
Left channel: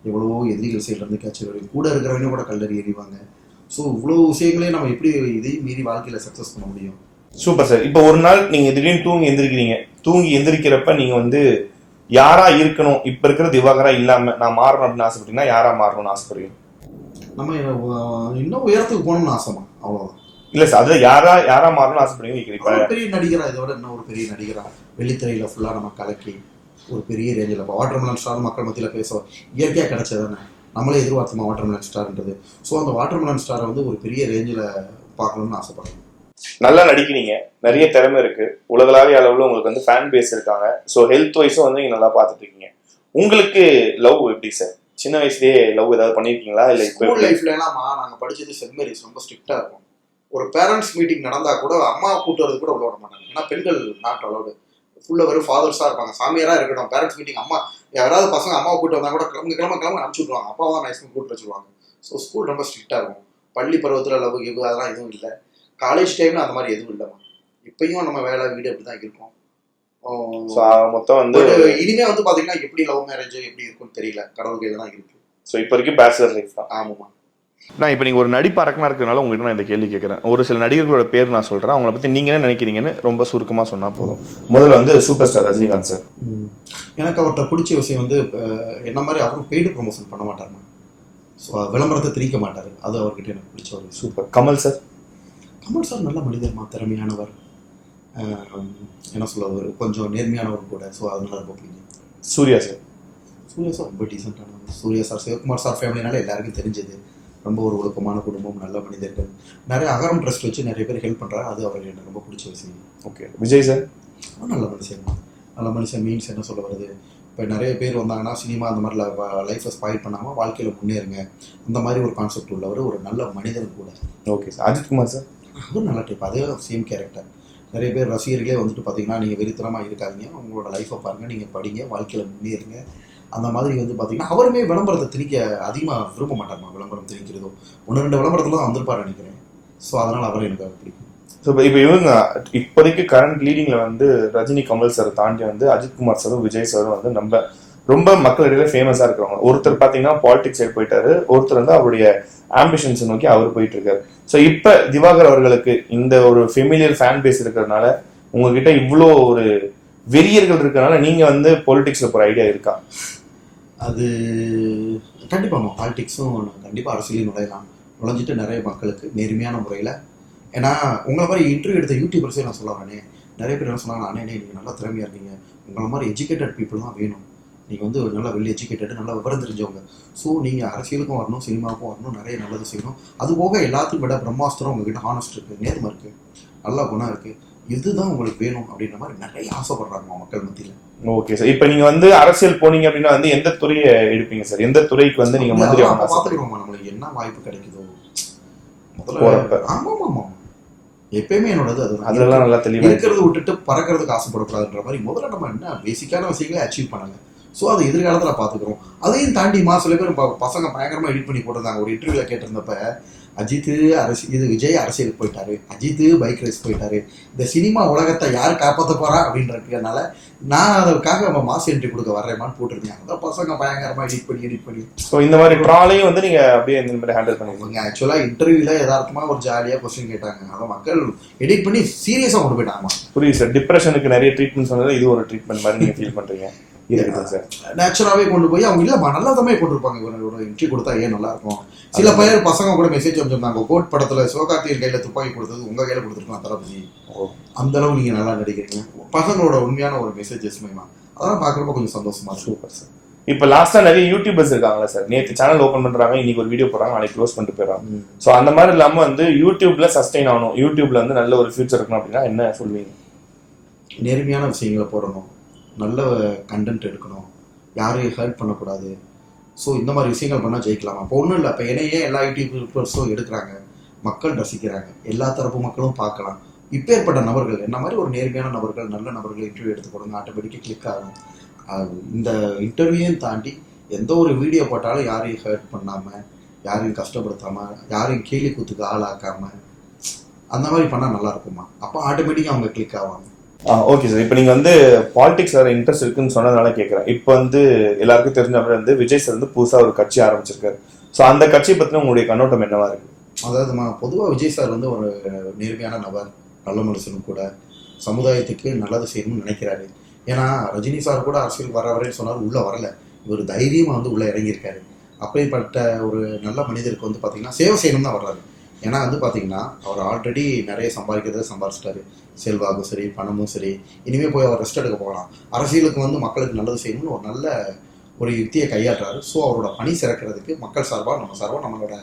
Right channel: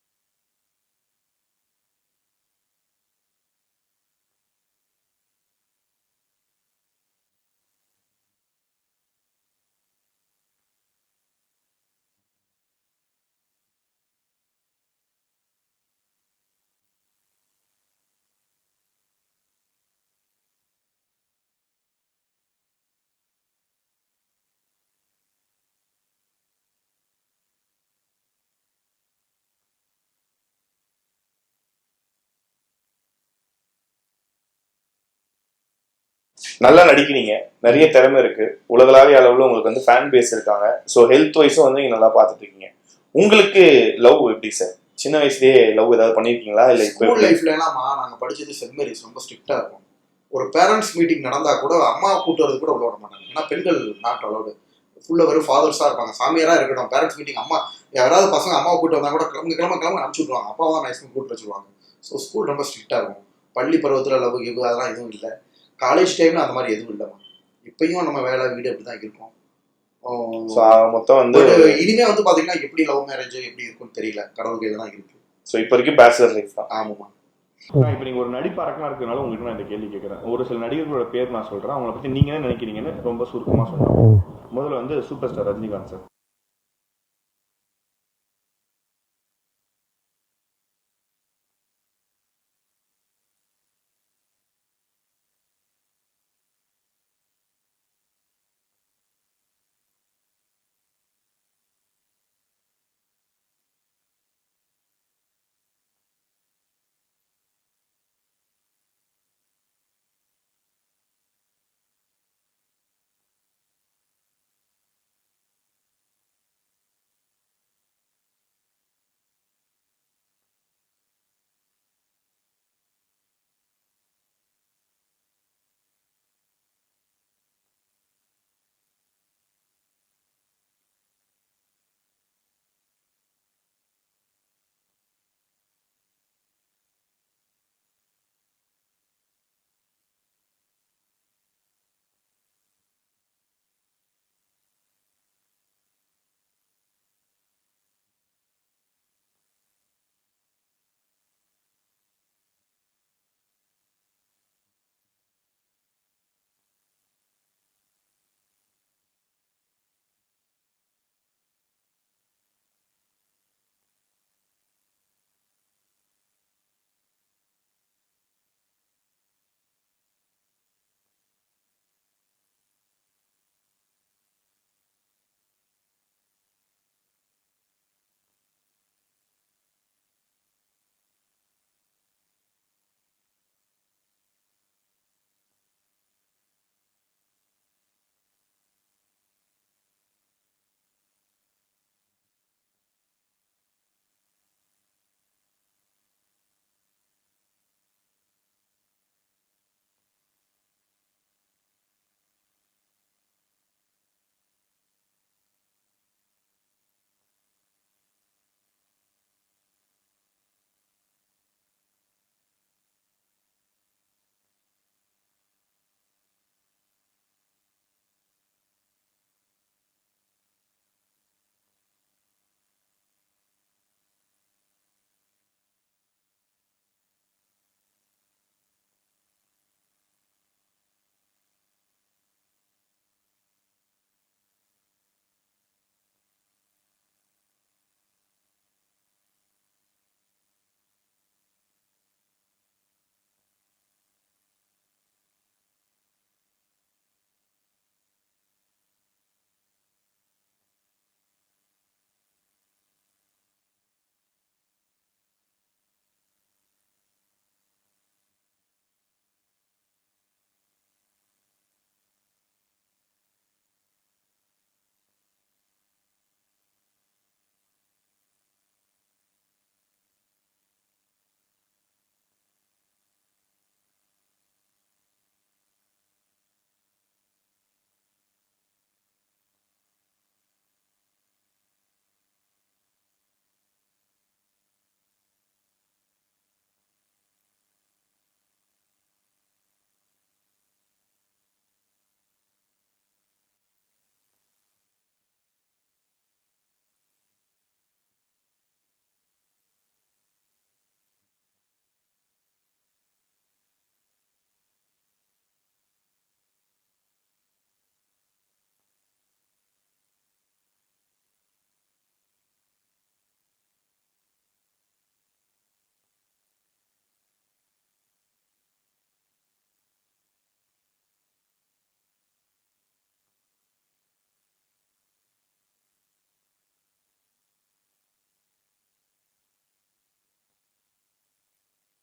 எவ்வளவோ எதிரிகள் சைட்லேருந்து கேட்சல் வரும், கூட இருக்கிறவங்க கூட கல்லறி எறிவாங்க. ஸோ இவ்வளோ விஷயங்களே நம்ம எப்படி இதையும் மீறி வாழ்க்கையில் சக்ஸஸ் பண்ண முடியும்? Super sir. இப்போ ஒரு நாள் நீங்கள் திடீர்னு தூங்கி எந்திரிக்கிறப்ப நீங்கள் வந்து யாரா இருக்கணும், இப்போ இருக்கிற திவாகரா இல்லாமல் நான் மாறணும் அப்படின்னு ஆசைப்பட்டீங்கன்னா யாரா மாறணும்னு ஆசைப்படுவீங்க? நம்ம இன்னும் உயரத்துக்கு போகணும்னு ஆசைமா, அவ்வளோதான். இல்லை சார், அது யாரா மாறணும்னு ஆசைப்படுவீங்க? பெரிய நடிகரா, இதை விட இன்னும் ஒரு பெரிய நடிகரா, வெள்ளித்திரையில் ஃபுல்லாக நம்ம கலக்கி ஒரு பெரிய ரேஞ்சில் இப்போ வாட்டர்மெலன் ஸ்டார் மக்கள் மத்தியில் பேசுவோம். இயற்கையாக கிடைச்சதானே, நம்மளே எதிர்பார்த்தோமா வாட்டர்மெலன் ஸ்டார்ன்றது. ஸோ அந்த வாட்டர்மெலன் ஸ்டாரை வந்து ஒரு பெரிய ரேஞ்சில் பார்க்கணும்னு ஆசைப்படுறேன். நல்லா நடிக்கிறீங்க, நிறைய திறமை இருக்கு, உலகளாவிய அளவில் உங்களுக்கு வந்து ஃபேன் பேஸ் இருக்காங்க. ஸோ ஹெல்த் வைஸும் வந்து நீங்கள் நல்லா பார்த்துட்டு இருக்கீங்க. உங்களுக்கு லவ் எப்படி சார்? சின்ன வயசுலேயே லவ் ஏதாவது பண்ணியிருக்கீங்களா? இல்லை ஸ்கூல் லைஃப்லலாமா நாங்கள் படித்தது சென்ட் மேரிஸ், ரொம்ப ஸ்ட்ரிக்டாக இருக்கும். ஒரு பேரண்ட்ஸ் மீட்டிங் நடந்தால் கூட அம்மா கூட்டு வரது கூட விட மாட்டாங்க. ஏன்னா பெண்கள் நாட் அலவுடு, ஃபுல்லாக வெறும் ஃபாதர்ஸாக இருப்பாங்க, சாமியாராக இருக்கட்டும். பேரண்ட்ஸ் மீட்டிங் அம்மா யாராவது பசங்க அம்மாவை கூட்டு வந்தால் கூட கிளம்ப அனுப்பிச்சி விட்ருவாங்க, அப்பாவை தான் மேக்ஸிமம் கூட்டு வச்சுருவாங்க. ஸோ ஸ்கூல் ரொம்ப ஸ்ட்ரிக்டாக இருக்கும். பள்ளி பருவத்தில் லவ் கிவ் அதெல்லாம் எதுவும் இல்லை. காலேஜ் டைமில் அந்த மாதிரி எதுவும் இல்லைம்மா. இப்பயும் நம்ம வேலை வீடு அப்படி தான் இருக்கும். மொத்தம் வந்து இனிமே வந்து பார்த்தீங்கன்னா எப்படி லவ் மேரேஜ் எப்படி இருக்கும்னு தெரியல, கடவுள் கையில் தான் இருக்குது. ஸோ இப்போ வரைக்கும் பேச்சுலர் லைஃப் தான். ஆமாம்மா. நான் இப்போ நீங்கள் ஒரு நடிப்பு அரக்கனாக இருக்கிறதுனால உங்கள்கிட்ட நான் இந்த கேள்வி கேட்குறேன். ஒரு சில நடிகர்களோட பேர் நான் சொல்கிறேன், அவங்கள பற்றி நீங்கள் என்ன நினைக்கிறீங்கன்னு ரொம்ப சுருக்கமாக சொன்னா போதும். முதல்ல வந்து சூப்பர் ஸ்டார் ரஜினிகாந்த் சார். எனக்கு அவர்கிட்ட பிடிச்ச விஷயம் வந்து என்ன மாதிரி அவரும் பெய்டு ப்ரொமோஷன் பண்ண மாட்டாருமா. ஸோ விளம்பரத்தை திரிக்க மாட்டார், அது அவர்கிட்ட எனக்கு பிடிச்ச ஒரு super. Kamal sir. Kamal sir நல்ல மனிதர்மா, திறமையானவர், என்ன சொல்லுவார், கொஞ்சம் நேர்மையானவர் கூட. ஸோ அதனால ரொம்ப பிடிக்கும். சூர்யா சார். சூர்யா சார் ரொம்ப டீசெண்டானவர். சூர்யா சார் சிவகுமார் சார் ஃபேமிலினால எல்லாருக்கும் தெரிஞ்சது, ரொம்ப ஒரு ஒழுக்கமான குடும்பம், நல்ல மனிதர்கள். நிறைய அகரம் ட்ரஸ்ட் வச்சு நிறைய பேர் ஹெல்ப் பண்ணுறாரு, அது அவருக்கு எனக்கு ரொம்ப பிடிச்ச விஷயம். ஓகே. விஜய் சார். நல்ல மனுஷன் தான். நல்ல மனுஷன் மீன்ஸ் என்ன சொல்ல வருது, இப்போ நிறைய பேர் வந்தாங்கன்னா சினிமா அந்த மாதிரி லைஃப்பை ஸ்பாயில் பண்ணாமல் வாழ்க்கையில் முன்னேறுங்க, அந்த மாதிரி ஒரு கான்செப்ட் உள்ளவர், ஒரு நல்ல மனிதன் கூட. Okay sir. Ajith Kumar sir. அதுவும் நல்ல டைப், அதே சேம் கேரக்டர். நிறைய பேர் ரசிகர்களே வந்துட்டு பார்த்தீங்கன்னா நீங்கள் வெறித்தனமாக இருக்காதீங்க, உங்களோட லைஃப்பை பாருங்கள், நீங்கள் படிங்க, வாழ்க்கையில் முன்னேறுங்க. அந்த மாதிரி வந்து பார்த்தீங்கன்னா அவருமே விளம்பரத்தை திணிக்க அதிகமாக விரும்ப மாட்டாருமா. விளம்பரம் திணிக்கிறதோ 1-2 விளம்பரத்தில் தான் வந்திருப்பாரு நினைக்கிறேன். ஸோ அதனால் அவரை எனக்கு பிடிக்கும். ஸோ இப்போ இவங்க இப்போதைக்கு கரண்ட் லீடிங்ல வந்து ரஜினி, கமல் சார் தாண்டி வந்து அஜித்குமார் சாரும் விஜய் சாரும் வந்து நம்ம ரொம்ப மக்களிடையில ஃபேமஸா இருக்கிறவங்க. ஒருத்தர் பாத்தீங்கன்னா பாலிடிக்ஸ் சைடு போயிட்டாரு, ஒருத்தர் வந்து அவருடைய ஆம்பிஷன்ஸ் நோக்கி அவர் போயிட்டு இருக்காரு. ஸோ இப்ப திவாகர் அவர்களுக்கு இந்த ஒரு ஃபெமிலியர் ஃபேன் பேஸ் இருக்கிறதுனால, உங்ககிட்ட இவ்வளோ ஒரு வெறியர்கள் இருக்கிறதுனால நீங்க வந்து பொலிட்டிக்ஸ்ல போற ஐடியா இருக்கா? அது கண்டிப்பாக பாலிடிக்ஸும் கண்டிப்பாக அரசியலையும் நுழைஞ்சிட்டு நிறைய மக்களுக்கு நேர்மையான முறையில். ஏன்னா உங்களை மாதிரி இன்டர்வியூ எடுத்த யூடியூபர்ஸே நான் சொல்ல வரேனே, நிறைய பேர் என்ன சொன்னாங்க, அண்ணே நீங்கள் நல்லா திறமையாக இருக்கீங்க, உங்களை மாதிரி எஜுகேட்டட் பீப்புள் தான் வேணும், நீங்கள் வந்து நல்லா வெல் எஜுகேட்டடு, நல்லா விவரம் தெரிஞ்சவங்க, ஸோ நீங்கள் அரசியலுக்கும் வரணும், சினிமாவுக்கும் வரணும், நிறைய நல்லது செய்யணும். அது போக எல்லாத்தையும் விட பிரம்மாஸ்திரம் உங்ககிட்ட ஹானஸ்ட் இருக்குது, நேர்மை இருக்குது, நல்ல குணம் இருக்குது, இதுதான் உங்களுக்கு வேணும் அப்படின்ற மாதிரி நிறைய ஆசைப்படுறாங்க மக்கள் மத்தியில். Okay sir. இப்போ நீங்க வந்து அரசியல் போனீங்க அப்படின்னா வந்து எந்த துறையை எடுப்பீங்க சார்? எந்த துறைக்கு வந்து நீங்க மந்திரி பார்த்துக்கிறோமா, நம்மளுக்கு என்ன வாய்ப்பு கிடைக்குதோ முதல்ல. ஆமாம் ஆமாம், எப்பயுமே என்னோடது அதெல்லாம் நல்லா தெளிவாக இருக்கிறது விட்டுட்டு பறக்கிறதுக்கு ஆசைப்படக்கூடாதுன்ற மாதிரி முதல்ல நம்ம என்ன பேசிக்கான விஷயங்களை அச்சீவ் பண்ணல. ஸோ அது எதிர்காலத்தில் பார்த்துக்கிறோம். அதையும் தாண்டிமா சில பேர் பசங்க பயங்கரமாக எடிட் பண்ணி போட்டிருந்தாங்க. ஒரு இன்டர்வியூவில் கேட்டிருந்தப்ப, அஜித்து இது விஜய் அரசியலுக்கு போயிட்டாரு, அஜித்து பைக் ரேஸ் போயிட்டாரு, இந்த சினிமா உலகத்தை யார் காப்பாற்ற போறா அப்படின்றதுனால நான் அதற்காக நம்ம மாஸ் என்ட்ரி கொடுக்க வர்றேமான்னு போட்டிருந்தேன். அதான் பசங்க பயங்கரமாக எடிட் பண்ணி ஸோ இந்த மாதிரி ட்ராலையும் வந்து நீங்க அப்படியே இந்த மாதிரி ஹேண்டில் பண்ணுவீங்க. ஆக்சுவலாக இன்டர்வியூவில் யதார்த்தமாக ஒரு ஜாலியாக கொஸ்டின் கேட்டாங்க, அதை மக்கள் எடிட் பண்ணி சீரியஸாக கொண்டு போயிட்டாங்க. புரியுது சார். டிப்ரெஷனுக்கு நிறைய ட்ரீட்மெண்ட் சொன்னது இது ஒரு ட்ரீட்மெண்ட் மாதிரி நீங்க ஃபீல் பண்றீங்க? நேச்சுராவே கொண்டு போய் அவங்க இல்லம்மா நல்லதாமே கொண்டு இருப்பாங்க. இவரோட என்ட்ரி கொடுத்தா ஏன் நல்லா இருக்கும். சில பேர் பசங்க கூட மெசேஜ் வந்துருந்தாங்க, கோட் படத்துல சிவகார்த்திகேயன் கையில துப்பாக்கி கொடுத்தது உங்க கையில கொடுத்துருக்கலாம் தளபதி, அந்த அளவு நீங்க நல்லா நடிக்கிறீங்க. பசங்களோட உண்மையான ஒரு மெசேஜஸ் மேமா அதெல்லாம் பாக்குறப்ப கொஞ்சம் சந்தோஷமா. Super sir. இப்ப லாஸ்டா நிறைய யூடியூபர்ஸ் இருக்காங்களா சார், நேற்று சேனல் ஓபன் பண்றாங்க, இன்னைக்கு ஒரு வீடியோ போடுறாங்க, நாளைக்கு க்ளோஸ் பண்ணிட்டு போயிடறாங்க. சோ அந்த மாதிரி இல்லாம வந்து யூடியூப்ல சஸ்டெயின் ஆகணும், யூடியூப்ல வந்து நல்ல ஒரு ஃபியூச்சர் இருக்கணும் அப்படின்னா என்ன சொல்வீங்க? நேர்மையான விஷயங்களை போடணும், நல்ல கண்டென்ட் எடுக்கணும், யாரையும் ஹர்ட் பண்ணக்கூடாது. ஸோ இந்த மாதிரி விஷயங்கள் பண்ணால் ஜெயிக்கலாமா? இப்போ ஒன்றும் இல்லை, இப்போ என்னையே எல்லா யூடியூபர்ஸும் எடுக்கிறாங்க, மக்கள் ரசிக்கிறாங்க, எல்லா தரப்பு மக்களும் பார்க்கலாம். இப்பேற்பட்ட நபர்கள் என்ன மாதிரி ஒரு நேர்மையான நபர்கள், நல்ல நபர்கள் இன்டர்வியூ எடுத்து கொடுங்க, ஆட்டோமேட்டிக்காக கிளிக் ஆகும். இந்த இன்டர்வியூயும் தாண்டி எந்த ஒரு வீடியோ போட்டாலும் யாரையும் ஹர்ட் பண்ணாமல், யாரையும் கஷ்டப்படுத்தாமல், யாரையும் கேலி கூத்துக்கு ஆளாக்காமல் அந்த மாதிரி பண்ணால் நல்லா இருக்குமா? அப்போ ஆட்டோமேட்டிக்காக அவங்க கிளிக் ஆவாங்க. Okay sir. இப்போ நீங்கள் வந்து பாலிடிக்ஸ் வேறு இன்ட்ரெஸ்ட் இருக்குன்னு சொன்னதுனால கேட்குறேன். இப்போ வந்து எல்லாருக்கும் தெரிஞ்ச மாதிரி வந்து விஜய் சார் வந்து புதுசாக ஒரு கட்சி ஆரம்பிச்சிருக்காரு. ஸோ அந்த கட்சியை பற்றின உங்களுடைய கண்ணோட்டம் என்னவா இருக்கு? அதாவதுமா, பொதுவாக விஜய் சார் வந்து ஒரு நேர்மையான நபர், நல்ல மனுஷனும் கூட, சமுதாயத்துக்கு நல்லது செய்யணும்னு நினைக்கிறாரு. ஏன்னா ரஜினி சார் கூட அரசியல் வரேன்னு சொன்னார், உள்ளே வரல, இவர் தைரியமாக வந்து உள்ளே இறங்கியிருக்காரு. அப்படிப்பட்ட ஒரு நல்ல மனிதருக்கு வந்து பார்த்தீங்கன்னா சேவை செய்யணும் தான் வர்றாரு. ஏன்னா வந்து பார்த்தீங்கன்னா அவர் ஆல்ரெடி நிறைய சம்பாதிச்சிட்டாரு, செல்வாக்கும் சரி, பணமும் சரி. இனிமேல் போய் அவர் ரெஸ்ட் எடுக்க போகலாம். அரசியலுக்கு வந்து மக்களுக்கு நல்லது செய்யணும்னு ஒரு நல்ல ஒரு யுக்தியை கையாட்டுறாரு. ஸோ அவரோட பணி சிறக்கிறதுக்கு மக்கள் சார்பாக நம்மளோட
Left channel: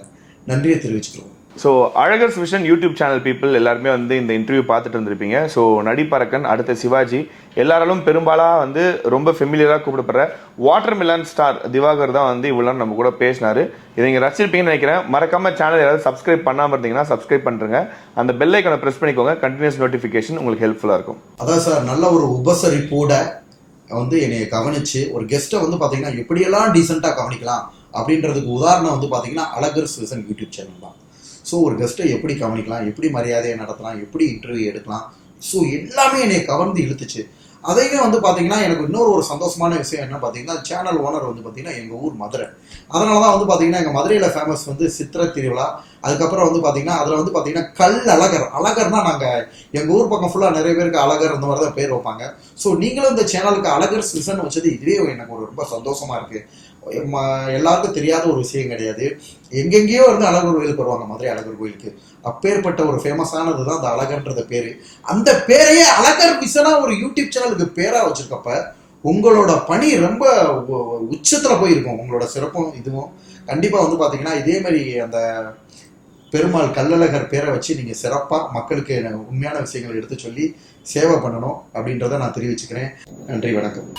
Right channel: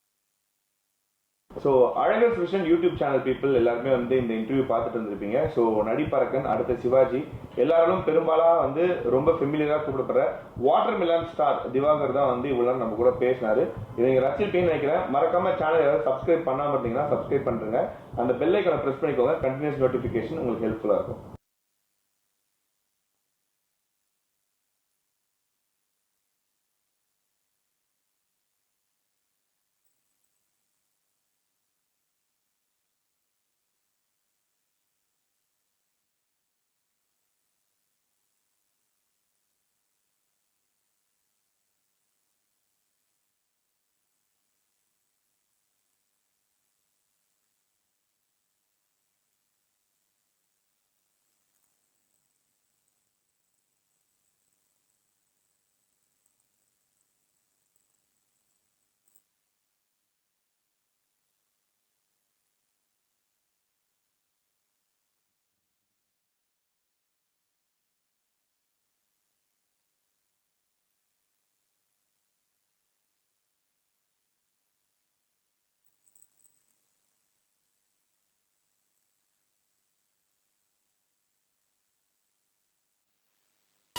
நன்றியை தெரிவிச்சுக்கிறோம். So Azhagar's vision YouTube channel people எல்லாருமே வந்து இந்த இன்டர்வியூ பார்த்துட்டு இருந்திருப்பீங்க. ஸோ நடிப்பரக்கன், அடுத்த சிவாஜி, எல்லாராலும் பெரும்பாலாக வந்து ரொம்ப ஃபெமிலியராக கூப்பிடப்படுற வாட்டர் மிலன் ஸ்டார் திவாகர் தான் வந்து இவ்வளோ நம்ம கூட பேசினாரு. இதை நீங்கள் ரசிச்சிருப்பீங்கன்னு நினைக்கிறேன். மறக்காம சேனல் யாராவது சப்ஸ்கிரைப் பண்ணாமல் இருந்தீங்கன்னா சப்ஸ்கிரைப் பண்ணுறங்க, அந்த பெல் ஐக்கானை ப்ரெஸ் பண்ணிக்கோங்க, கண்டினியூஸ் நோட்டிஃபிகேஷன் உங்களுக்கு ஹெல்ப்ஃபுல்லாக இருக்கும். அதான் சார், நல்ல ஒரு உபசரிப்போட வந்து என்னை கவனிச்சு ஒரு கெஸ்ட்டை வந்து பார்த்தீங்கன்னா எப்படியெல்லாம் டீசெண்டாக கவனிக்கலாம் அப்படின்றதுக்கு உதாரணம் வந்து பார்த்தீங்கன்னா அழகர்ஸ் விஷன் யூடியூப் சேனல் தான். ஸோ ஒரு கெஸ்ட்டை எப்படி கவனிக்கலாம், எப்படி மரியாதையை நடத்தலாம், எப்படி இன்டர்வியூ எடுக்கலாம், ஸோ எல்லாமே என்னை கவர்ந்து இழுத்துச்சு. அதையுமே வந்து பார்த்தீங்கன்னா எனக்கு இன்னொரு ஒரு சந்தோஷமான விஷயம் என்ன பார்த்தீங்கன்னா, சேனல் ஓனர் வந்து பார்த்தீங்கன்னா எங்கள் ஊர் மதுரை. அதனால தான் வந்து பார்த்தீங்கன்னா எங்கள் மதுரையில் ஃபேமஸ் வந்து சித்திரை திருவிழா. அதுக்கப்புறம் வந்து பார்த்தீங்கன்னா அதில் வந்து பார்த்தீங்கன்னா அழகர்னா நாங்கள் எங்கள் ஊர் பக்கம் ஃபுல்லாக நிறைய பேருக்கு அழகர் அந்த மாதிரி தான் பேர் வைப்பாங்க. ஸோ நீங்களும் இந்த சேனலுக்கு அழகர் சீசன் வச்சது இதுவே எனக்கு ஒரு ரொம்ப சந்தோஷமாக இருக்குது. எல்லாருக்கும் தெரியாத ஒரு விஷயம் கிடையாது. எங்கெங்கேயோ இருந்து அழகர் கோயிலுக்கு வருவாங்க, மதுரை அழகர் கோயிலுக்கு. அப்பேற்பட்ட ஒரு ஃபேமஸானது தான் அந்த அழகர்ன்ற பேரு. அந்த பேரையே அழகர் விசனா ஒரு யூடியூப் சேனலுக்கு பேரா வச்சிருக்கப்ப உங்களோட பணி ரொம்ப உச்சத்துல போயிருக்கும். உங்களோட சிறப்பும் இதுவும் கண்டிப்பா வந்து பாத்தீங்கன்னா இதே மாதிரி அந்த பெருமாள் கள்ளழகர் பேரை வச்சு நீங்க சிறப்பா மக்களுக்கு உண்மையான விஷயங்களை எடுத்து சொல்லி சேவை பண்ணணும் அப்படின்றத நான் தெரிவிச்சுக்கிறேன். நன்றி, வணக்கம்.